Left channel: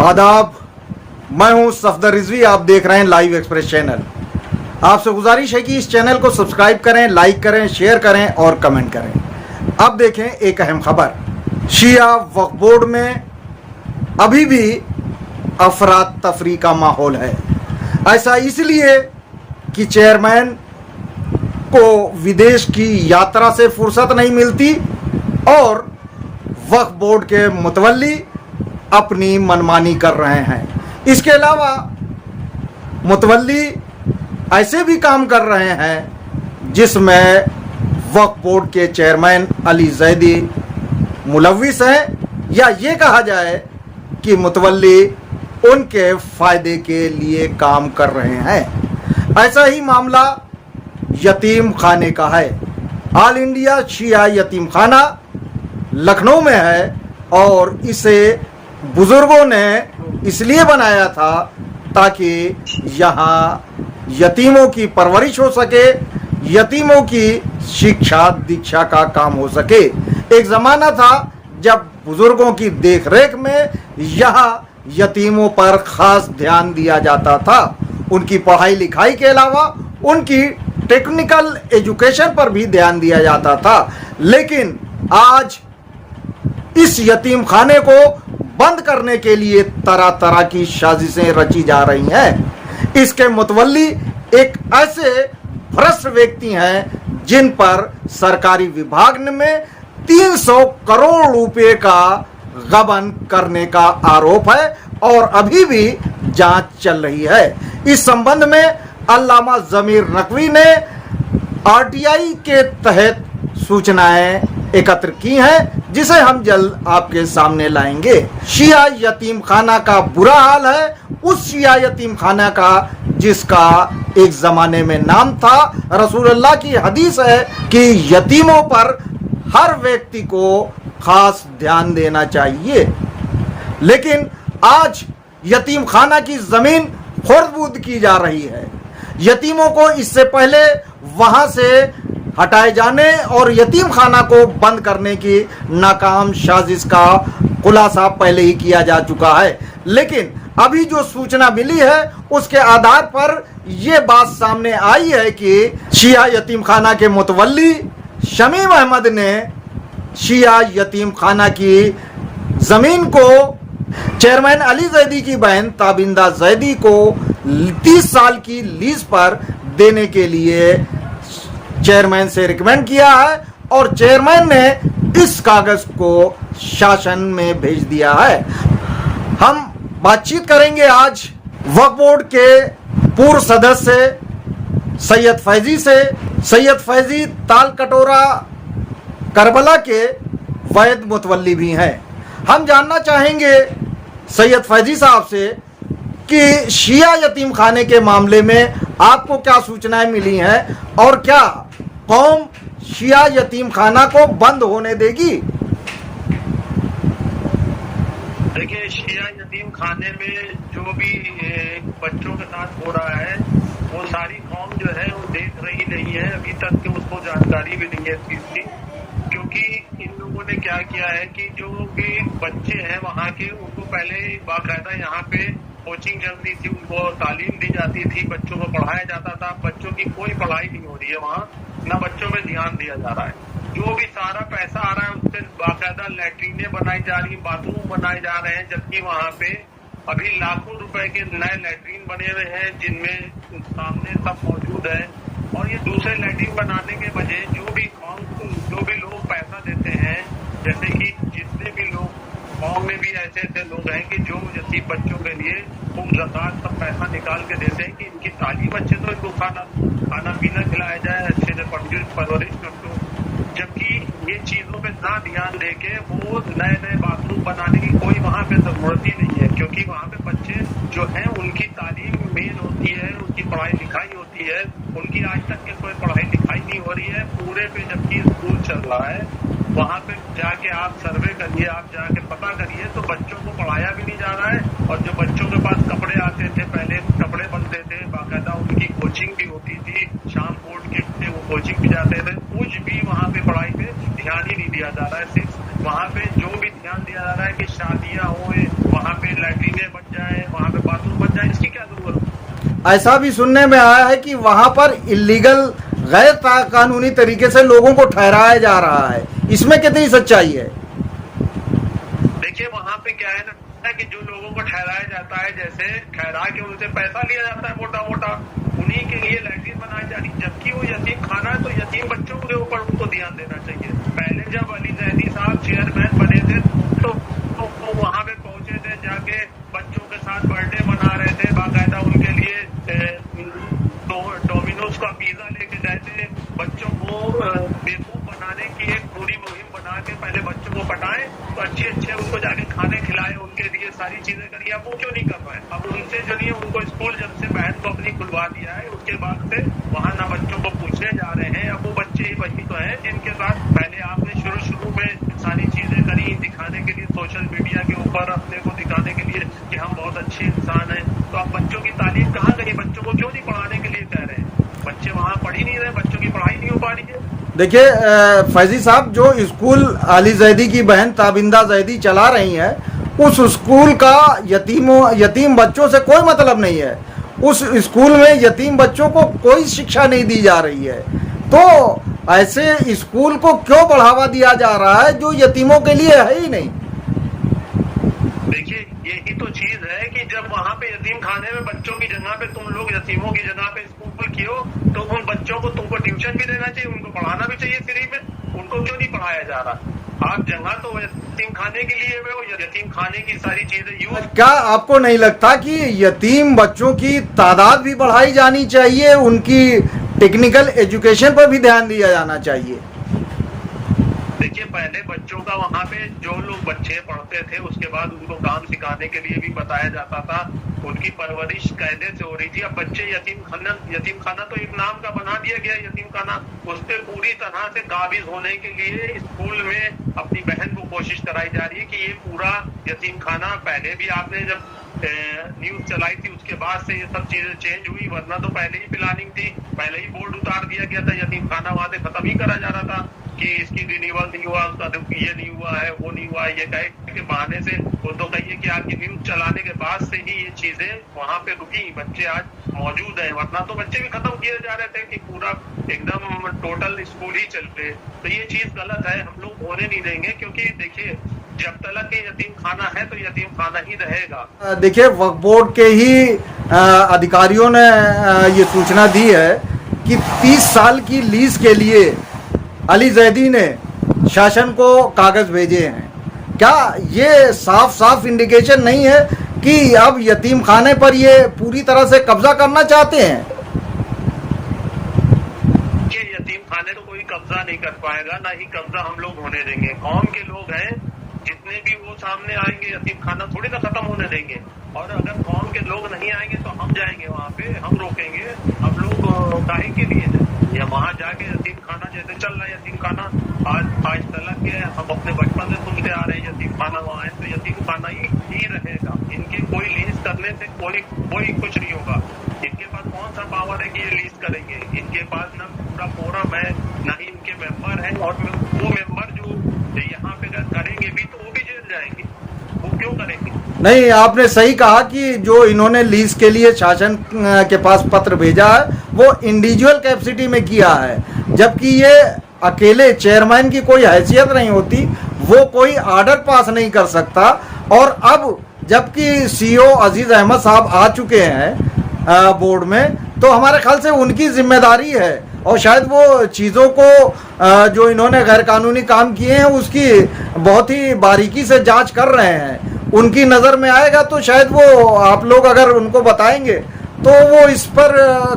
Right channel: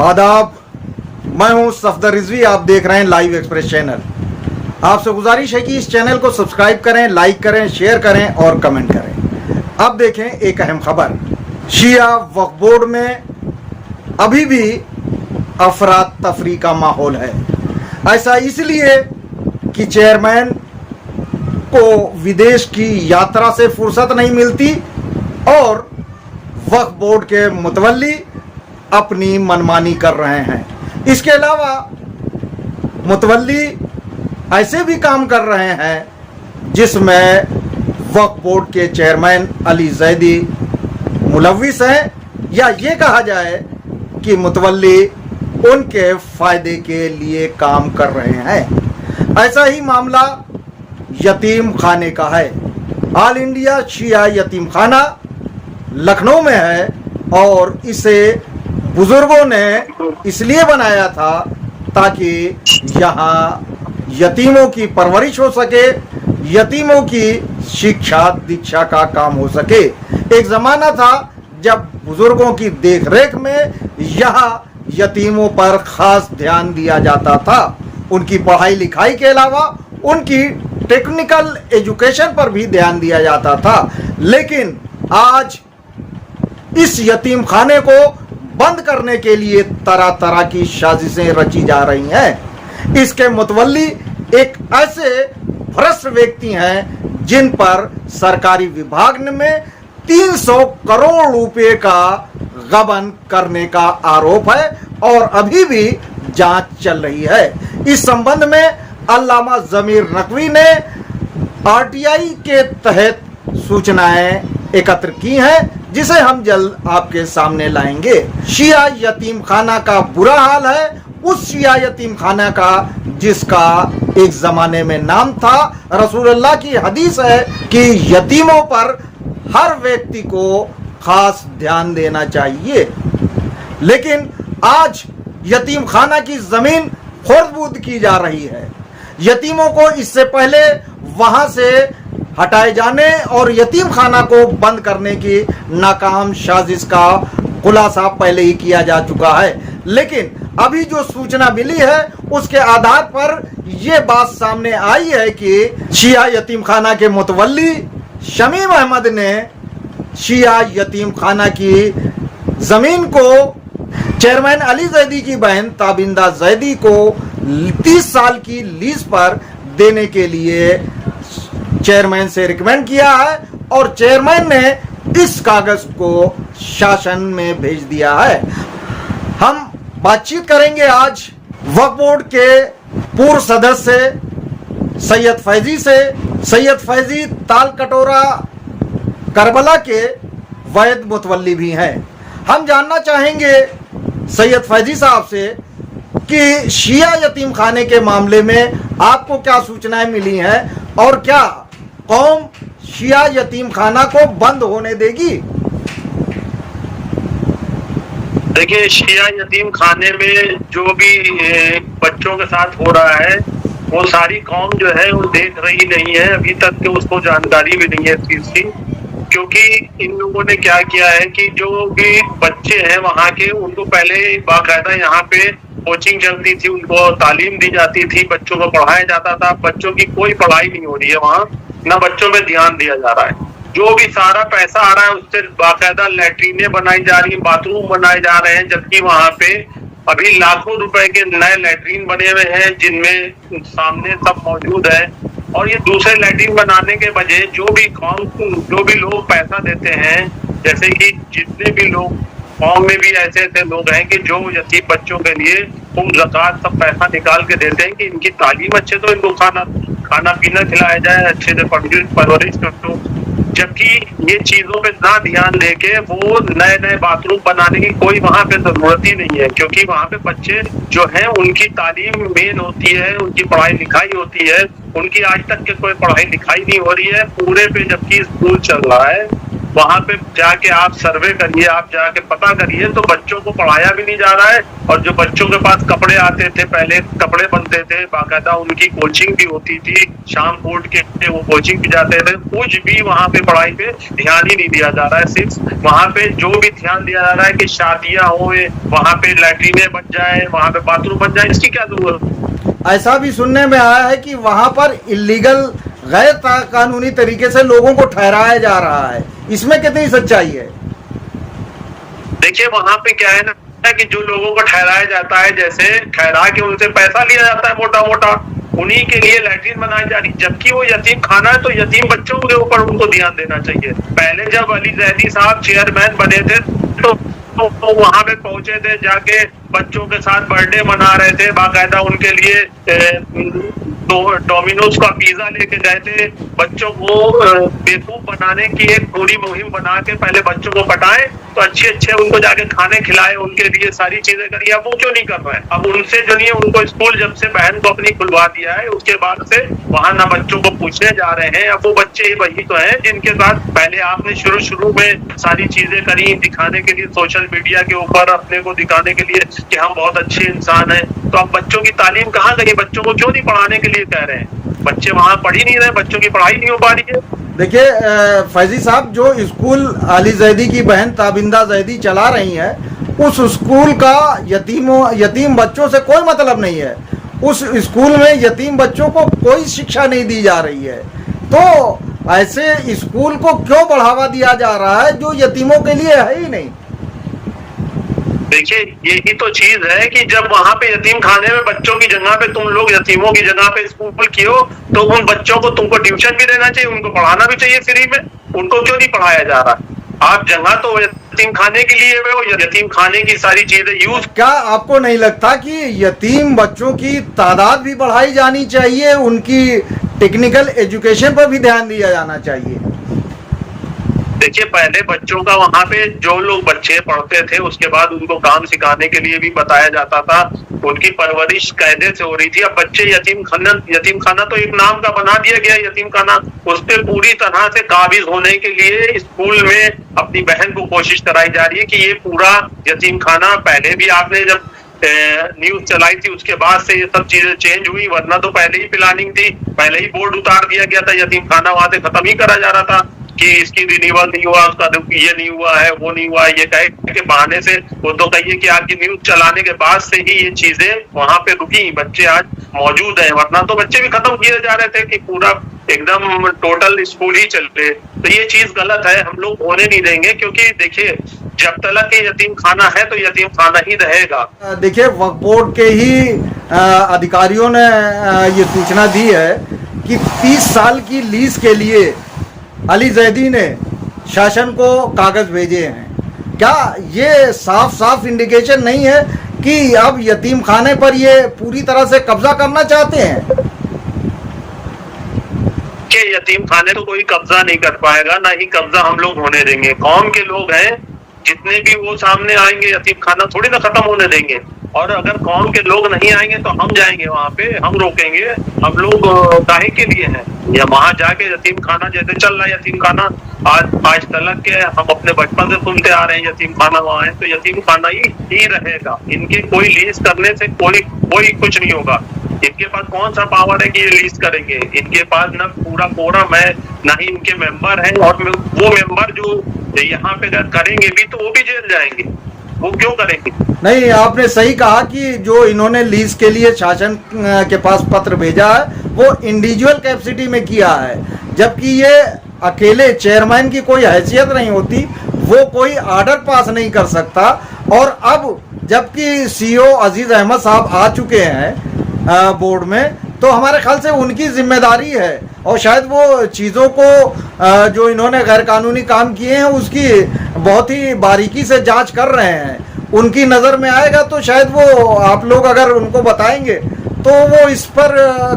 आदाब, मैं हूं सफदर रिजवी। आप देख रहे हैं लाइव एक्सप्रेस चैनल। आपसे गुजारिश है कि इस चैनल को सब्सक्राइब करें, लाइक करें, शेयर करें और कमेंट करें। अब देखें एक अहम खबर। शिया वक्फ बोर्ड में अभी भी अफरा तफरी का माहौल है। ऐसा इसलिए कि चेयरमैन को विदेश की यात्रा से फुर्सत नहीं मिलती और वक्फ बोर्ड के मुतवल्ली अपनी मनमानी कर रहे हैं। इसके अलावा मुतवल्ली ऐसे भी काम कर रहे हैं जिसमें वक्फ बोर्ड के चेयरमैन अली जैदी मुलव्विस हैं, या ये कहा जाए कि मुतवल्ली उनके फायदे के लिए काम कर रहे हैं। ऐसा ही मामला यतीम खाने का है। ऑल इंडिया शिया यतीम खाना लखनऊ में है और इसे बुजुर्गों ने इसलिए बनाया था ताकि यहाँ यतीमों की परवरिश हो सके, यतीमों की शिक्षा दीक्षा का काम हो सके। एक जमाना था जब बुजुर्गों की देखरेख में यहाँ यतीमों पर खास ध्यान दिया जाता था। उनकी पढ़ाई लिखाई के अलावा उनकी टेक्निकल एजुकेशन पर भी ध्यान दिया जाता था। लेकिन आज इस यतीम खाने को बंद करने के लिए तरह तरह की साजिशें रची जा रही हैं। इसके मुतवल्ली एक ऐसे भ्रष्ट व्यक्ति हैं जिन पर सरकारी विभाग में 300 करोड़ रुपए का गबन करने का आरोप है और अभी भी जांच चल रही है। इस संबंध में अल्लामा जमीर नकवी ने आरटीआई के तहत सूचनाएं एकत्र की हैं, जिसे हम जल्द आपके सामने लाएंगे। शिया यतीम खाना का बुरा हाल है, उस शिया यतीम खाना का जिसका एक जमाने में नाम था। रसूलुल्लाह की हदीस है कि यतीमों पर हर व्यक्ति को खास ध्यान देना चाहिए। लेकिन आज यतीम खाना की जमीन खुर्द-बुर्द की जा रही है। यतीमों को इससे पहले वहां से हटाए जाने और यतीम खाना को बंद करने की नाकाम साजिश का खुलासा पहले ही किया जा चुका है। लेकिन अभी जो सूचना मिली है उसके आधार पर यह बात सामने आई है कि शिया यतीम खाना के मुतवल्ली शमीम अहमद ने शिया यतीम खाना की जमीन को चेयरमैन अली जैदी की बहन ताबिंदा जैदी को 30 साल की लीज पर देने के लिए चेयरमैन से रिकमेंड किया है और चेयरमैन ने इस कागज को शासन में भेज दिया है। हम बातचीत करेंगे आज वक्फ बोर्ड के पूर्व सदस्य सैयद फैजी से। सैयद फैजी ताल कटोरा करबला के वैध मुतवल्ली भी हैं। हम जानना चाहेंगे सैयद फैजी साहब से कि शिया यतीम खाने के मामले में आपको क्या सूचनाएं मिली हैं और क्या कौम शिया यतीम खाना को बंद होने देगी? देखिए, शिया यतीम खाने में जो भी बच्चों के साथ हो रहा है वो सारी कौम जो है वो देख रही नहीं है। अभी तक के उसको जानकारी भी नहीं है इस चीज की, क्योंकि इन लोगों ने क्या किया है कि जो भी बच्चे हैं वहाँ के, उनको पहले बाकायदा यहाँ पे कोचिंग चलती थी, उनको तालीम दी जाती थी, बच्चों को पढ़ाया जाता था। बच्चों की कोई पढ़ाई नहीं हो रही है वहाँ, ना बच्चों पे ध्यान दिया जा रहा है। जो भी सारा पैसा आ रहा है उससे बाकायदा लैट्रीनें बनाई जा रही है, बाथरूम बनाए जा रहे हैं, जबकि वहाँ पे अभी लाखों रुपए के नए लैट्रीन बने हुए हैं जिनमें सामने सब मौजूद है। और ये दूसरे लैट्रीन बनाने के बजाय जो भी लोग पैसा देते हैं, जैसे कि जितने भी लोग गाँव में भी ऐसे लोग हैं कि जो यतीम बच्चों के लिए खूब ज़कात सब पैसा निकाल के देते हैं कि इनकी तालीम अच्छे, तो इनको खाना पीना खिलाया जाए, अच्छे से परवरिश करो। जबकि ये चीजों पे ना ध्यान देके वो नए बाथरूम बनाने की कोई वहाँ पे जरूरत ही नहीं है, क्योंकि वहाँ पे बच्चे जो हैं उनकी तालीम मेन होती है, उनकी पढ़ाई लिखाई होती है। उनकी आज तक के कोई पढ़ाई लिखाई नहीं हो रही है पूरे पे, जबकि स्कूल चल रहा है। वहां पे जाके आप सर्वे करिए, आप जाके पता करिए, तो बच्चों को पढ़ाया भी नहीं जा रहा है। और जो बच्चों के पास कपड़े आते थे, पहले कपड़े बनते थे, बाकायदा उनकी कोचिंग भी होती थी, शाम कोर्ट के वो कोचिंग भी जाते थे, कुछ भी वहां पे पढ़ाई पे ध्यान ही नहीं दिया जा रहा है। सिर्फ वहां पे जो भी ध्यान दिया जा रहा है कि शादियां हो, वहां पे लैट्रिने बन जाए, वहां पे बाथरूम बन जाए, इसकी क्या जरूरत? ऐसा भी सुनने में आया है कि वहां पर इलीगल गैर कानूनी तरीके से लोगों को ठहराया जा रहा है, इसमें कितनी सच्चाई है? देखिए वहां पे क्या है ना कि जो लोगों को ठहराया जाता है, जैसे ठहरा के उनसे पैसा लिया जाता है मोटा मोटा, उन्हीं के लिए लैट्रिन बनाई जा रही, जबकि वो यतीम खाना है, तो यतीम बच्चों के ऊपर उनको ध्यान देना चाहिए। पहले जब अली जैदी साहब चेयरमैन बने थे तो वहां पे पहुंचे थे, जाके बच्चों के साथ बर्थडे मना रहे थे, बाकायदा उनके लिए तो डोमिनोज का पिज्जा लेके गए थे। बच्चों को बेवकूफ बनाने की एक पूरी मुहिम बना के पहले बच्चों को पटाए, तो अच्छे अच्छे उनको जाके खाने खिलाए, उनके लिए सारी चीजें करी। अब वो क्यों नहीं कर रहे हैं? अब उनसे जो नहीं है, उनको स्कूल जब से बहन को अपनी खुलवा दिया है, उसके बाद से वहां ना बच्चों को पूछने जा रहे हैं। अब वो बच्चे वही तो हैं जिनके साथ पहले आपने शुरू में सारी चीजें करी, दिखाने के लिए, सोशल मीडिया के ऊपर अपने को दिखाने के लिए कि हम बहुत अच्छे इंसान हैं। तो अब बच्चों की तालीम कहाँ गई? बच्चों को क्यों नहीं पढ़ाने के लिए कह रहे हैं? बच्चे वहां पढ़ ही नहीं रहे, बच्चों की पढ़ाई नहीं हो पा रही है। देखिए फैजी साहब, जो स्कूल अली जैदी की बहन ताबिंदा जैदी चला रही हैं, उस स्कूल का यतीम बच्चों से कोई मतलब नहीं है। उस स्कूल में यतीम बच्चों को कोई शिक्षा नहीं दी जा रही है। तो ऐसे स्कूल को क्यों बढ़ावा दिया जा रहा है जो यतीमों के लिए है ही नहीं? देखिए यही तो चीज है कि जब वहां पे यतीम खाने में बच्चों की जगह पे तुम लोग यतीमों की जगह पे स्कूल किए हो, तो उन बच्चों को तुमको ट्यूशन भी देना चाहिए, उनको पढ़ाना भी चाहिए फ्री में। उनको क्यों नहीं पढ़ाया जा रहा? आप जगह तो यतीम खाने के लिए वो यतीम खाने की सारी चीजें यूज। क्या आपको नहीं लगता कि यतीम बच्चों की तादाद भी बढ़ाई जानी चाहिए, उनकी टेक्निकल एजुकेशन पर भी ध्यान दिया जाना चाहिए? देखिए पहले बच्चों का वहां पे जो लोग बच्चे पढ़ते थे, उसके बाद उनको काम सिखाने के लिए भी बताया जाता था, उनकी परवरिश कायदे से हो रही थी। अब बच्चे यतीम खाना तो एक नाम का बना दिया गया, यतीम खाना। उस पर पूरी तरह से काबिज होने के लिए स्कूल में अपनी बहन को कोशिश कराई जा रही है कि ये पूरा यतीम खाना, पहले भी आपने जब न्यूज चलाई थी उसके बाद से ये सब चीजें चेंज हुई, वरना तो पहले ही प्लानिंग थी, पहले ही बोर्ड उतार दिया गया था, यतीम खाना वहां से खत्म ही करा जा रहा था कि इसकी रिन्यूअल नहीं हुआ, उसका ये नहीं हुआ है, वो नहीं हुआ है, ये कहे के बहाने से। वो तो कहिए कि आपकी न्यूज चलाने के बाद से ही ये चीजें वहां पे रुकी, बच्चे आज मौजूद हैं, वरना तो बच्चे भी खत्म किए जा रहे थे कि पूरा एकदम टोटल स्कूल ही चल रहे। तो ये चीज गलत है, हम लोग होने नहीं देंगे, क्योंकि देखिए जब तक ये यतीम खाना है तो यतीम खाना ही रहेगा। देखिए वक्फ बोर्ड के ही अधिकारियों ने ये सूचना दी है कि 30 साल की लीज के लिए अली जैदी ने शासन को कागज भेजे हैं। क्या ये साफ साफ इंडिकेशन नहीं है कि अब यतीम खाने पर ये पूरी तरह से कब्जा करना चाहते हैं? कि यतीम खाने तो कोई कब्जा नहीं कर पाएगा, ना ही कब्जा हम लोग होने देंगे। कौम के लोग हैं जितने भी, वो सामने आएंगे, यतीम खाना थोड़ी ना खत्म होने देंगे। और अगर कौम के लोग नहीं आएंगे तो हम जाएंगे वहां पे, हम रोकेंगे। हम लोग काहे के लिए हैं? या वहां जाके यतीम खाना जैसे चल रहा है, यतीम खाना आज तलक के हम अपने बचपन से सुनते आ रहे हैं, यतीम खाना वहां है तो यतीम खाना ही रहेगा। इनके कोई लीज करने से कोई कुछ नहीं होगा। इनके पास कौन सा पावर है कि ये लीज करेंगे? इनके पास ना पूरा फोरम है, ना ही इनके मेंबर हैं। और वो मेंबर जो यहाँ पे करेंगे भी तो वो भी जेल जाएंगे, वो क्यों करेंगे? नहीं, आपने सही कहा कि जो इन्होंने लीज के लिए शासन के पास पत्र भेजा है वो इंडिविजुअल कैपेसिटी में किया है, जबकि ये अकेले चेयरमैन की कोई हैसियत नहीं होती, वो कोई ऑर्डर पास नहीं कर सकता। और अब जबकि सीईओ अजीज अहमद साहब आ चुके हैं बोर्ड में, तो हमारे ख्याल से उनकी जिम्मेदारी है और शायद वो चीज़ों को जो इन्होंने गैर कानूनी काम किए हैं उसकी बहुत ही बारीकी से जांच कर रहे हैं। उनकी नज़र में आएगा तो शायद वो, आप लोग अगर उनको बताएंगे तो वो इस पर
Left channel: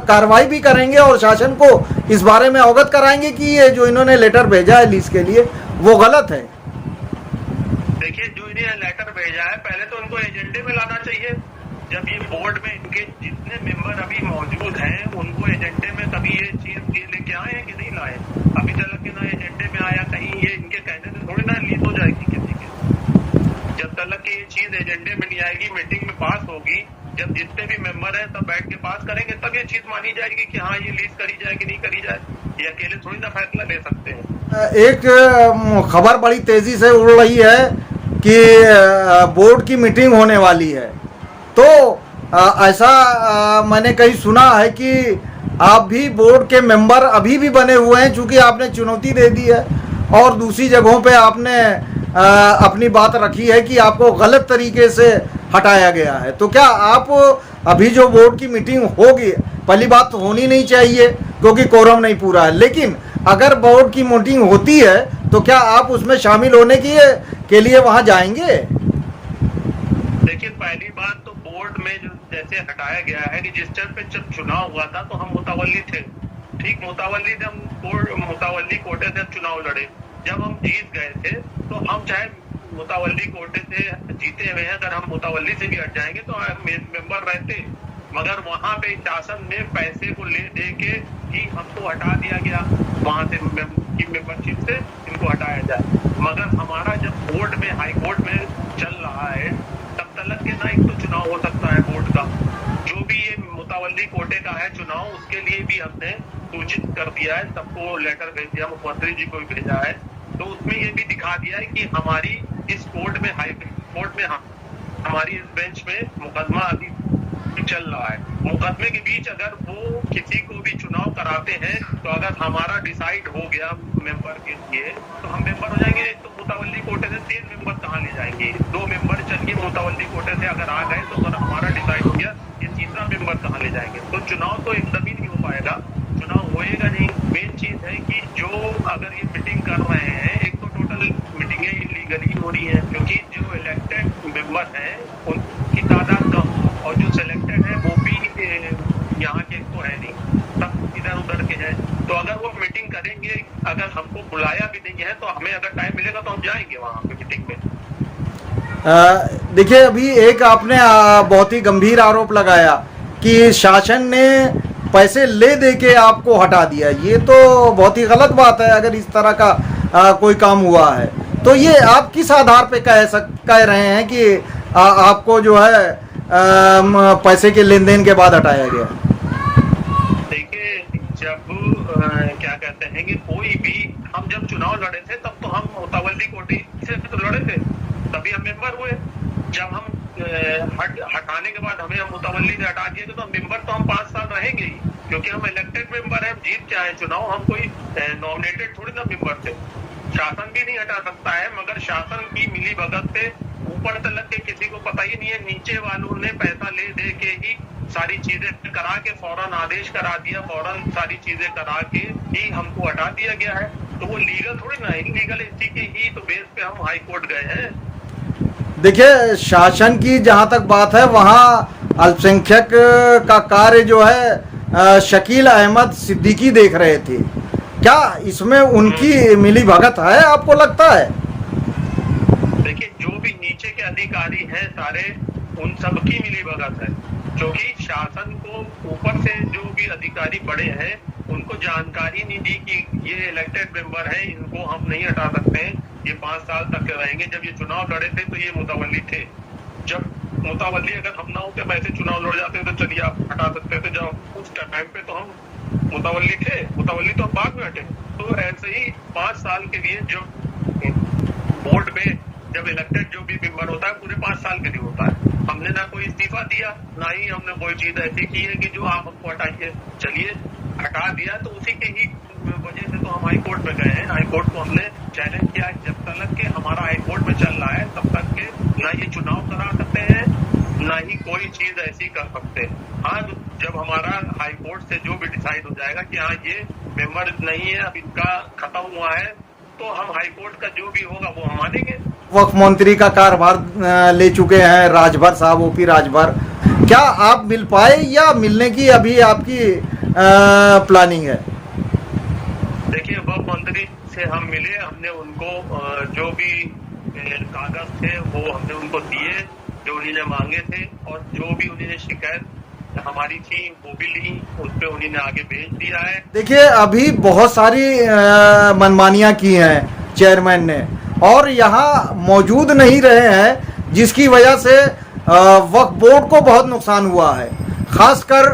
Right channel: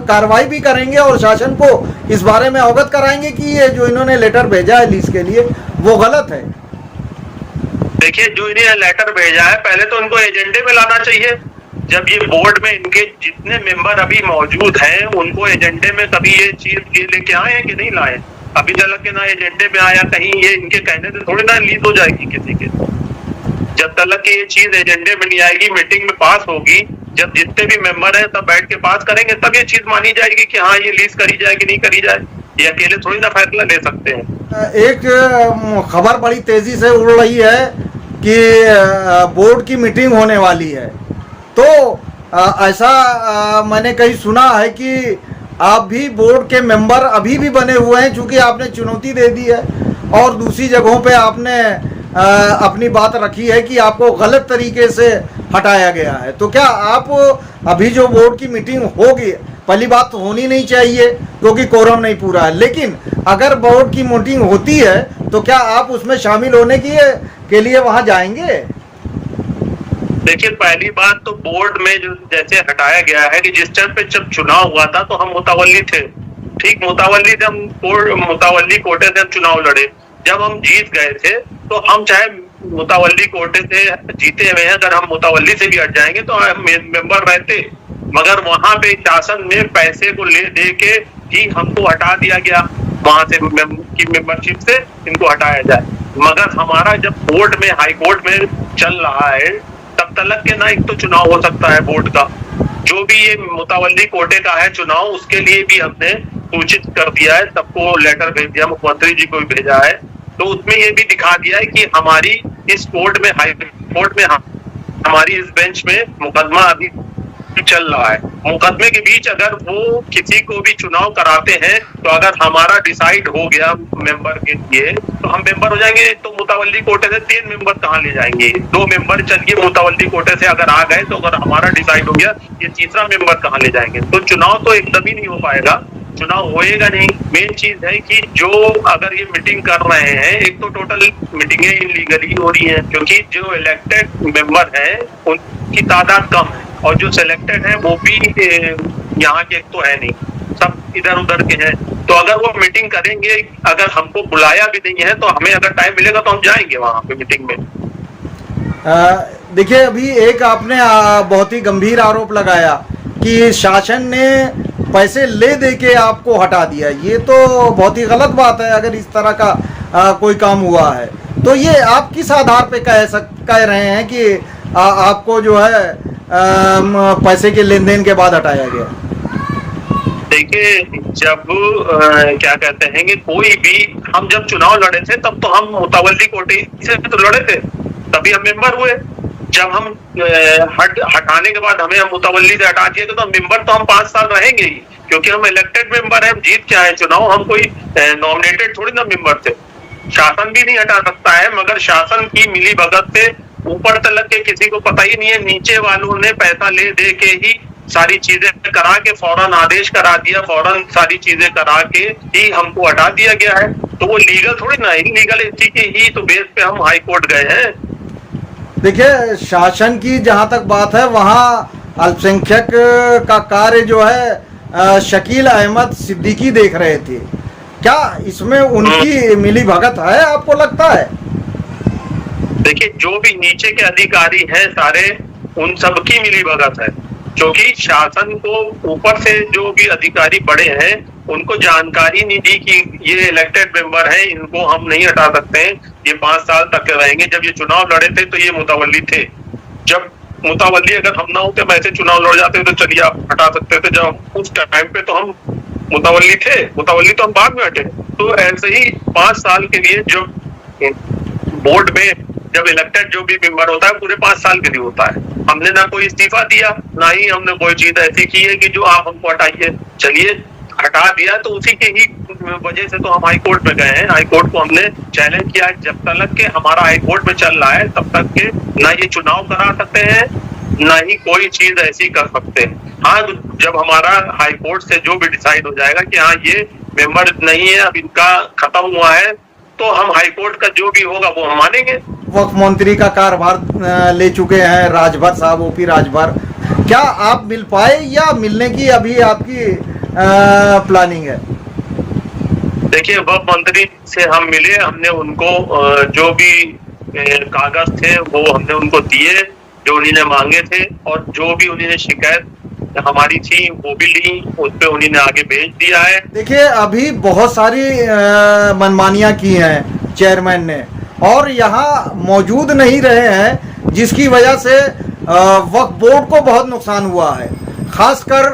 कार्रवाई भी करेंगे और शासन को इस बारे में अवगत कराएंगे कि ये जो इन्होंने लेटर भेजा है लीज के लिए वो गलत है। देखिए जो इन्हें लेटर भेजा है, पहले तो उनको एजेंडे में लाना चाहिए। जब ये बोर्ड में इनके जितने मेंबर अभी मौजूद हैं उनको एजेंडे में कभी ये चीज ये लेके आए हैं कि नहीं लाए? अभी तक के ना एजेंडे में आया, कहीं ये इनके कहने से थोड़ी ना लीड हो जाएगी किसी के। जब तक कि ये चीज एजेंडे में नहीं आएगी, मीटिंग में पास होगी, जब जितने भी मेंबर हैं सब बैठ के पास करेंगे, तब ये चीज मानी जाएगी कि हाँ ये लीज करी जाए कि नहीं करी जाए। ये अकेले थोड़ी ना फैसला ले सकते हैं। एक खबर बड़ी तेजी से उड़ रही है कि बोर्ड की मीटिंग होने वाली है, तो ऐसा मैंने कहीं सुना है कि आप भी बोर्ड के मेंबर अभी भी बने हुए हैं, चूंकि आपने चुनौती दे दी है और दूसरी जगहों पे आपने अपनी बात रखी है कि आपको गलत तरीके से हटाया गया है। तो क्या आप अभी जो बोर्ड की मीटिंग होगी, पहली बात तो होनी नहीं चाहिए क्योंकि कोरम नहीं पूरा है, लेकिन अगर बोर्ड की मीटिंग होती है तो क्या आप उसमें शामिल होने के लिए वहां जाएंगे? देखिए, पहली बात तो बोर्ड में जो जैसे हटाया गया है कि जिस टाइम पे जब चुनाव हुआ था तो हम मुतावल्ली थे, ठीक मुतावल्ली थे, हम मुतावल्ली कोटे से हम चुनाव लड़े। जब हम जीत गए थे तो हम चाहे मुतावल्ली कोटे से जीते हुए हैं, अगर हम मुतावल्ली से भी हट जाएंगे तो हम मेंबर रहते, मगर वहां पे शासन में पैसे को ले दे के ही हमको हटा दिया गया, वहां से की मेंबरशिप से इनको हटाया जाए। मगर हमारा जब बोर्ड में हाई कोर्ट में चल रहा है तब तक के ना एक तो चुनाव हो सकता है बोर्ड का, जो भी ये मुतावल्ली कोटे का है चुनाव, उसके लिए भी हमने सूचित कर दिया है, सबको लेटर भेज दिया, मुख्यमंत्री जी को भी भेजा है। तो उसमें ये भी दिखा दिया है कि हमारी इस कोर्ट में हाई कोर्ट में हमारी इस बेंच में मुकदमा अभी चल रहा है। मुकदमे के बीच अगर वो किसी को भी चुनाव कराते हैं तो अगर हमारा डिसाइड हो गया मेंबर के लिए तो हम मेंबर हो जाएंगे। तो मुतावल्ली कोटे से 3 मेंबर कहाँ ले जाएंगे? 2 मेंबर चलिए मुतावल्ली कोटे से अगर आ गए तो अगर हमारा डिसाइड हो गया, ये तीसरा मेंबर कहाँ ले जाएंगे? तो चुनाव तो एकदम ही नहीं हो पाएगा, चुनाव होएगा नहीं। मेन चीज है कि जो अगर ये मीटिंग कर रहे हैं, एक तो टोटल मीटिंगें इलीगली हो रही हैं क्योंकि जो इलेक्टेड मेंबर है उनकी तादाद कम है और जो सिलेक्टेड है वो भी यहाँ के तो है नहीं, सब इधर उधर के हैं। तो अगर वो मीटिंग करेंगे, अगर हमको बुलाया भी नहीं है तो हमें अगर टाइम मिलेगा तो हम जाएंगे वहां पे मीटिंग में। देखिए, अभी एक आपने बहुत ही गंभीर आरोप लगाया कि शासन ने पैसे ले दे के आपको हटा दिया। ये तो बहुत ही गलत बात है। अगर इस तरह का कोई काम हुआ है तो ये आप किस आधार पे कह रहे हैं कि आपको जो है पैसे के लेन देन के बाद हटाया गया? देखिए, जब क्या कहते हैं कि कोई भी, हम जब चुनाव लड़े थे तब तो हम मुतावल्ली कोटे से तो लड़े थे, तभी हम मेंबर हुए। जब हम हटाने के बाद हमें मुतावल्ली से हटा दिया तो मेंबर तो हम 5 साल रहेंगे ही, क्योंकि हम इलेक्टेड मेंबर है, हम जीत के आए चुनाव, हम कोई नॉमिनेटेड थोड़ी ना मेंबर थे। शासन भी नहीं हटा सकता है, मगर शासन की मिली भगत से ऊपर तलक के किसी को पता ही नहीं है, नीचे वालों ने पैसा ले दे के ही सारी चीजें करा के फौरन आदेश करा दिया, फौरन सारी चीजें करा के ही हमको हटा दिया गया है। तो वो लीगल थोड़ी ना, इलीगल इसी के ही तो बेस पे हम हाई कोर्ट गए हैं। देखिए, शासन की जहां तक बात है, वहां अल्पसंख्यक का कार्य जो है शकील अहमद सिद्दीकी देख रहे थे। क्या इसमें उनकी मिली भगत है, आपको लगता है? देखिए, जो भी नीचे के अधिकारी हैं सारे, उन सबकी मिली भगत है, क्योंकि शासन को ऊपर से जो भी अधिकारी बड़े हैं उनको जानकारी नहीं दी कि ये इलेक्टेड मेंबर है, इनको हम नहीं हटा सकते हैं, ये 5 साल तक रहेंगे। जब ये चुनाव लड़े थे तो ये मुतावल्ली थे, जब मुतावल्ली अगर हम ना होते वैसे चुनाव लड़ जाते तो चलिए आप हटा सकते थे। जब उस टाइम पे तो हम मुतावल्ली थे, मुतावल्ली तो हम बाद में हटे। तो ऐसे ही 5 साल के लिए जो बोर्ड में जब इलेक्टेड जो भी मेंबर होता है पूरे 5 साल के लिए होता है। हमने ना कोई इस्तीफा दिया, ना ही हमने कोई चीज ऐसी की है कि जो आप हमको हटाइए। चलिए, हटा दिया तो उसी के ही वजह से तो हम हाई कोर्ट में गए हैं। हाई कोर्ट को हमने चैलेंज किया, जब तक के हमारा हाई कोर्ट में चल रहा है तब तक के ना ये चुनाव करा सकते हैं, ना ही कोई चीज ऐसी कर सकते हैं। हाँ, जब हमारा हाई कोर्ट से जो भी डिसाइड हो जाएगा कि हाँ ये मेंबर नहीं है, अब इनका खत्म हुआ है, तो हम हाई कोर्ट का जो भी होगा वो हम मानेंगे। वक्फ मंत्री का कार्यभार ले चुके हैं राजभर साहब, ओपी राजभर। क्या आप मिल पाए या मिलने की अभी आपकी प्लानिंग है? देखिए, वक्फ मंत्री से हम मिले, हमने उनको जो भी कागज थे वो हमने उनको दिए, जो उन्होंने मांगे थे, और जो भी उन्होंने शिकायत हमारी थी वो भी ली, उस पर उन्होंने आगे भेज दिया है। देखिए अभी बहुत सारी मनमानियां की हैं चेयरमैन ने और यहाँ मौजूद नहीं रहे हैं, जिसकी वजह से वक्फ बोर्ड को बहुत नुकसान हुआ है, खासकर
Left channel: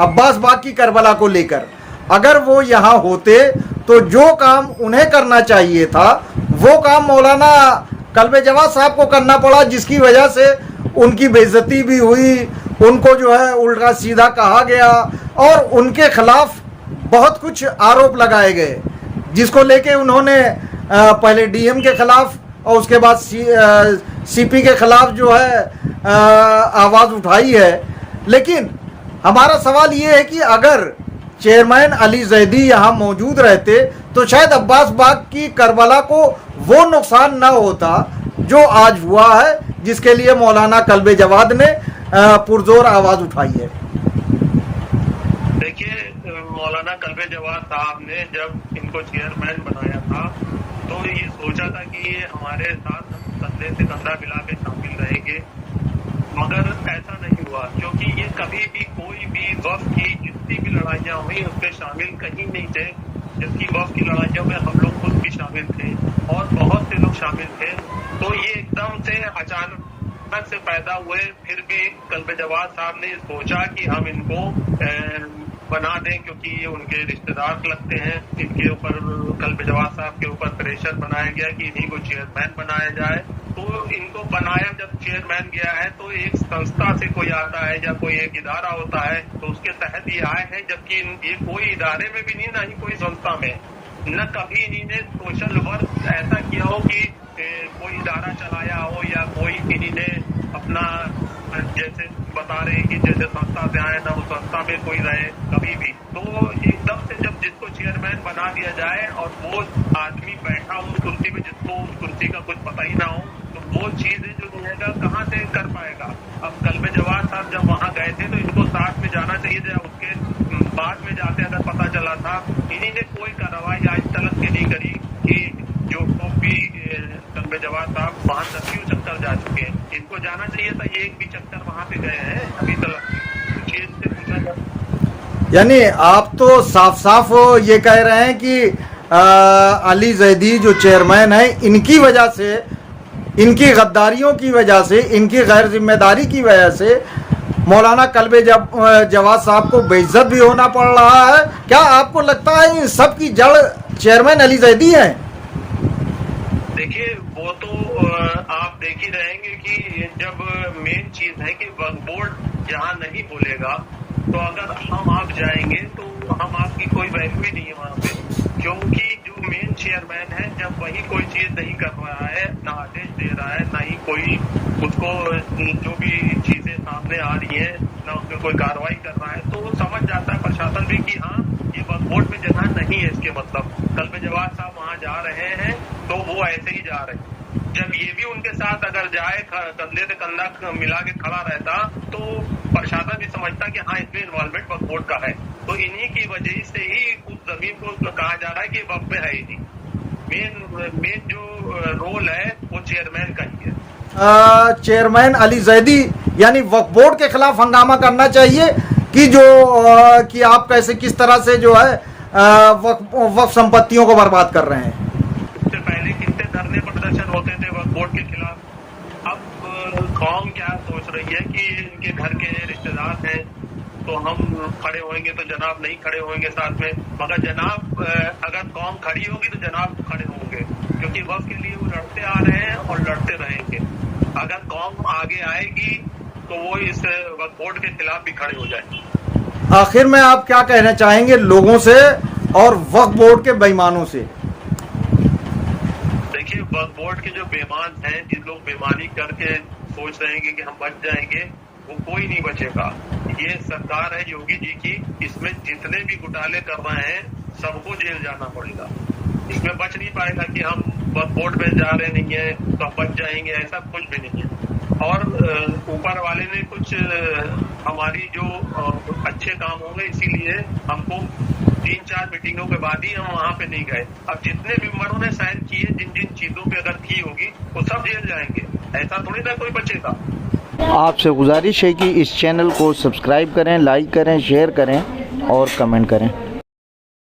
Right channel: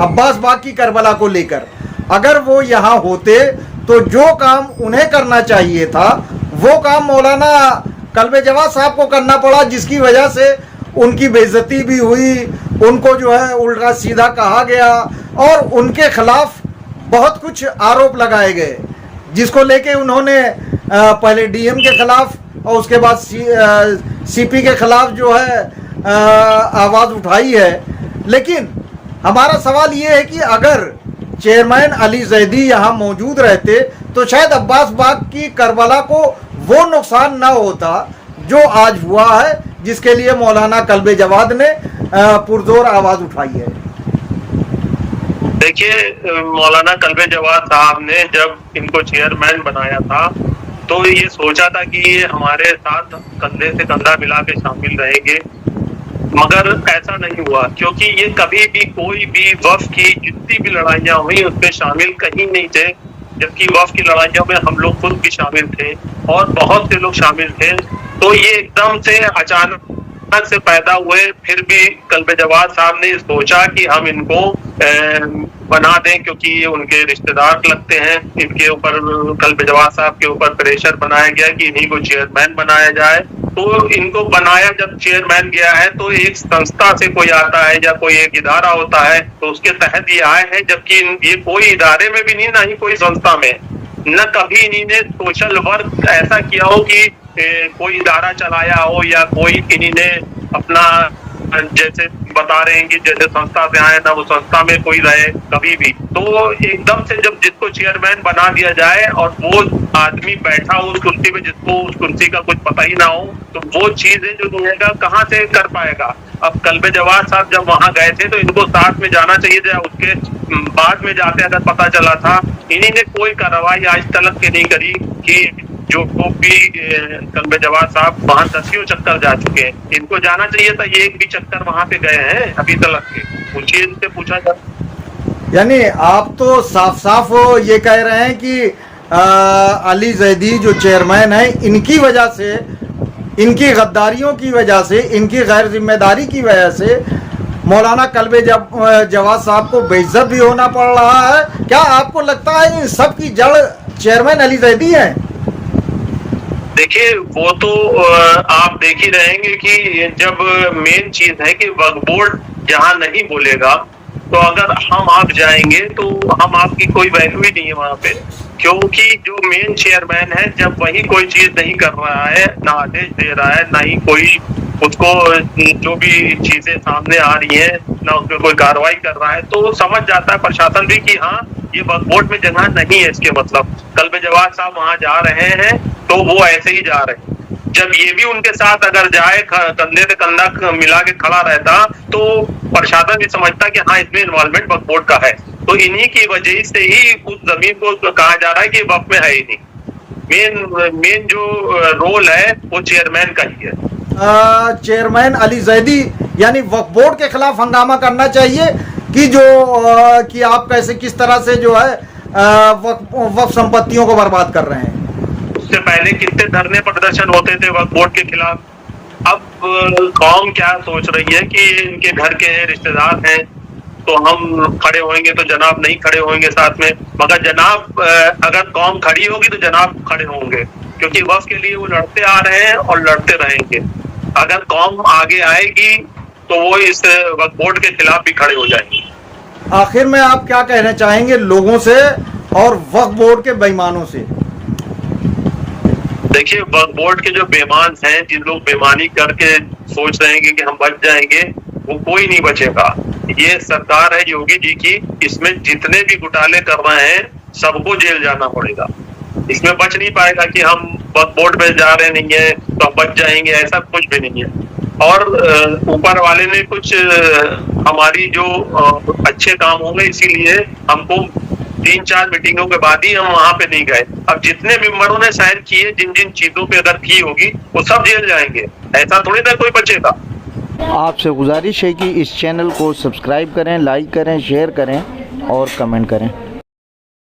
अब्बास बाग की करबला को लेकर। अगर वो यहाँ होते तो जो काम उन्हें करना चाहिए था वो काम मौलाना कल्बे जवाद साहब को करना पड़ा, जिसकी वजह से उनकी बेइज्जती भी हुई, उनको जो है उल्टा सीधा कहा गया और उनके खिलाफ बहुत कुछ आरोप लगाए गए, जिसको लेके उन्होंने पहले डीएम के खिलाफ और उसके बाद सीपी के खिलाफ जो है आवाज़ उठाई है। लेकिन हमारा सवाल ये है कि अगर चेयरमैन अली जैदी यहाँ मौजूद रहते तो शायद अब्बास बाग की करबला को वो नुकसान न होता जो आज हुआ है, जिसके लिए मौलाना कल्बे जवाद ने पुरजोर आवाज़ उठाई है। देखिए मौलाना कल्बे जवाद साहब ने जब इनको चेयरमैन बनाया था तो ये सोचा था कि ये हमारे साथ कंधे से कंधा मिला के शामिल रहेंगे, मगर ऐसा नहीं हुआ, क्योंकि ये कभी भी कोई भी वक्फ की जितनी भी लड़ाइयाँ हुई उसमें शामिल कहीं नहीं थे, जबकि वक्फ की लड़ाइयों में हम लोग खुद भी शामिल थे और बहुत से लोग शामिल थे। तो ये एकदम से अचानक से पैदा हुए, फिर भी कल्बे जवाद साहब ने सोचा कि हम इनको बना दें, क्योंकि ये उनके रिश्तेदार लगते हैं। इनके ऊपर कल्बे जवाद साहब के ऊपर प्रेशर बनाया गया कि इन्हीं को चेयरमैन बनाया जाए। तो इनको बनाया जब चेयरमैन गया है तो एक संस्था से कोई आता है या कोई एक इदारा होता है तो उसके तहत ये आए हैं, जबकि ये कोई इदारे में भी नहीं, ना ही कोई संस्था में, न कभी इन्होंने सोशल वर्क ऐसा किया हो कि कोई इदारा चलाया हो या कोई इन्होंने अपना जैसे बता रहे हैं कि जैसे संस्था से आए ना वो संस्था में कोई रहे कभी भी। तो एकदम से जब जिसको चेयरमैन बना दिया जाए और वो आदमी बैठा हो उस कुर्सी पे जिसको उस कुर्सी का कुछ पता ही ना हो, तो वो चीजें जो रहेगा कहाँ से कर पाएगा। अब कल्बे जवाद साहब जब वहां गए थे तो इनको साथ में जाना चाहिए था, उसके बाद में जाते अगर पता चला था। इन्हीं ने कोई कार्रवाई आज तक के नहीं करी कि जो भी कल्बे जवाद साहब वहां 10 चक्कर जा चुके हैं, इनको जाना चाहिए था, ये एक भी चक्कर वहां पे गए हैं अभी तक के, पूछिए इनसे, पूछा जाए। यानी आप तो साफ साफ ये कह रहे हैं कि अली जैदी जो चेयरमैन है, इनकी वजह से, इनकी गद्दारियों की वजह से, इनकी गैर जिम्मेदारी की वजह से मौलाना कल्बे जवाद साहब को बेइज्जत भी होना पड़ रहा है। क्या आपको लगता है इन सब की जड़ चेयरमैन अली जैदी है? देखिए वो तो आप देख ही रहेंगे कि जब मेन चीज है कि वक्फ बोर्ड जहाँ नहीं बोलेगा तो अगर हम आप जाएंगे तो हम आपकी कोई वैल्यू ही नहीं है वहां पे, क्योंकि जो मेन चेयरमैन है जब वही कोई चीज नहीं कर रहा है, ना आदेश दे रहा है, ना ही कोई उसको जो भी चीजें सामने आ रही है ना उस पर कोई कार्रवाई कर रहा है, तो समझ जाता है प्रशासन भी कि हाँ ये वक्फ बोर्ड में जगह नहीं है। इसके मतलब कल्बे जवाद साहब वहां जा रहे हैं तो वो ऐसे ही जा रहे हैं। जब ये भी उनके साथ अगर जाए, कंधे से कंधा मिला के खड़ा रहता, तो प्रशासन भी समझता कि हाँ इसमें इन्वॉल्वमेंट वक्फ बोर्ड का है। तो इन्हीं की वजह से ही उस जमीन को कहा जा रहा है कि वक्फ में है ही नहीं। मेन जो रोल है वो चेयरमैन का ही है। चेयरमैन अली जैदी यानी वक्फ बोर्ड के खिलाफ हंगामा करना चाहिए कि जो कि आप कैसे किस तरह से जो है वक्फ संपत्तियों को बर्बाद कर रहे हैं। उससे पहले कितने धरने प्रदर्शन होते थे वक्फ बोर्ड के खिलाफ। अब कौम क्या सोच रही है कि इनके घर के रिश्तेदार हैं तो हम खड़े होंगे, तो जनाब नहीं खड़े होंगे साथ में, मगर जनाब अगर कौम खड़ी होगी तो जनाब खड़े होंगे, क्योंकि वक्फ के लिए वो लड़ते आ रहे हैं और लड़ते रहेंगे। अगर कौम आगे आएगी तो वो इस वक्फ बोर्ड के खिलाफ भी खड़े हो जाएंगे। आखिर में आप क्या कहना चाहेंगे लोगों से और वक्फ बोर्ड के बेईमानों से? देखिए वक्फ बोर्ड के जो बेईमान हैं, जिन लोग बेईमानी करके सोच रहे हैं कि हम बच जाएंगे, वो कोई नहीं बचेगा। ये सरकार है योगी जी की, इसमें जितने भी घोटाले कर रहे हैं सबको जेल जाना पड़ेगा। इसमें बच नहीं पाएगा कि हम वक्फ बोर्ड में जा रहे नहीं है तो हम बच जाएंगे, ऐसा कुछ भी नहीं है। और ऊपर वाले ने कुछ हमारी जो अच्छे काम होंगे इसीलिए हमको 3-4 मीटिंगों के बाद ही हम वहां पे नहीं गए। अब जितने मेंबरों ने साइन किए, जिन जिन चीजों पे अगर की होगी वो सब जेल जाएंगे, ऐसा थोड़ी ना कोई बचेगा। आपसे गुजारिश है कि इस चैनल को सब्सक्राइब करें, लाइक करें, शेयर करें और कमेंट करें।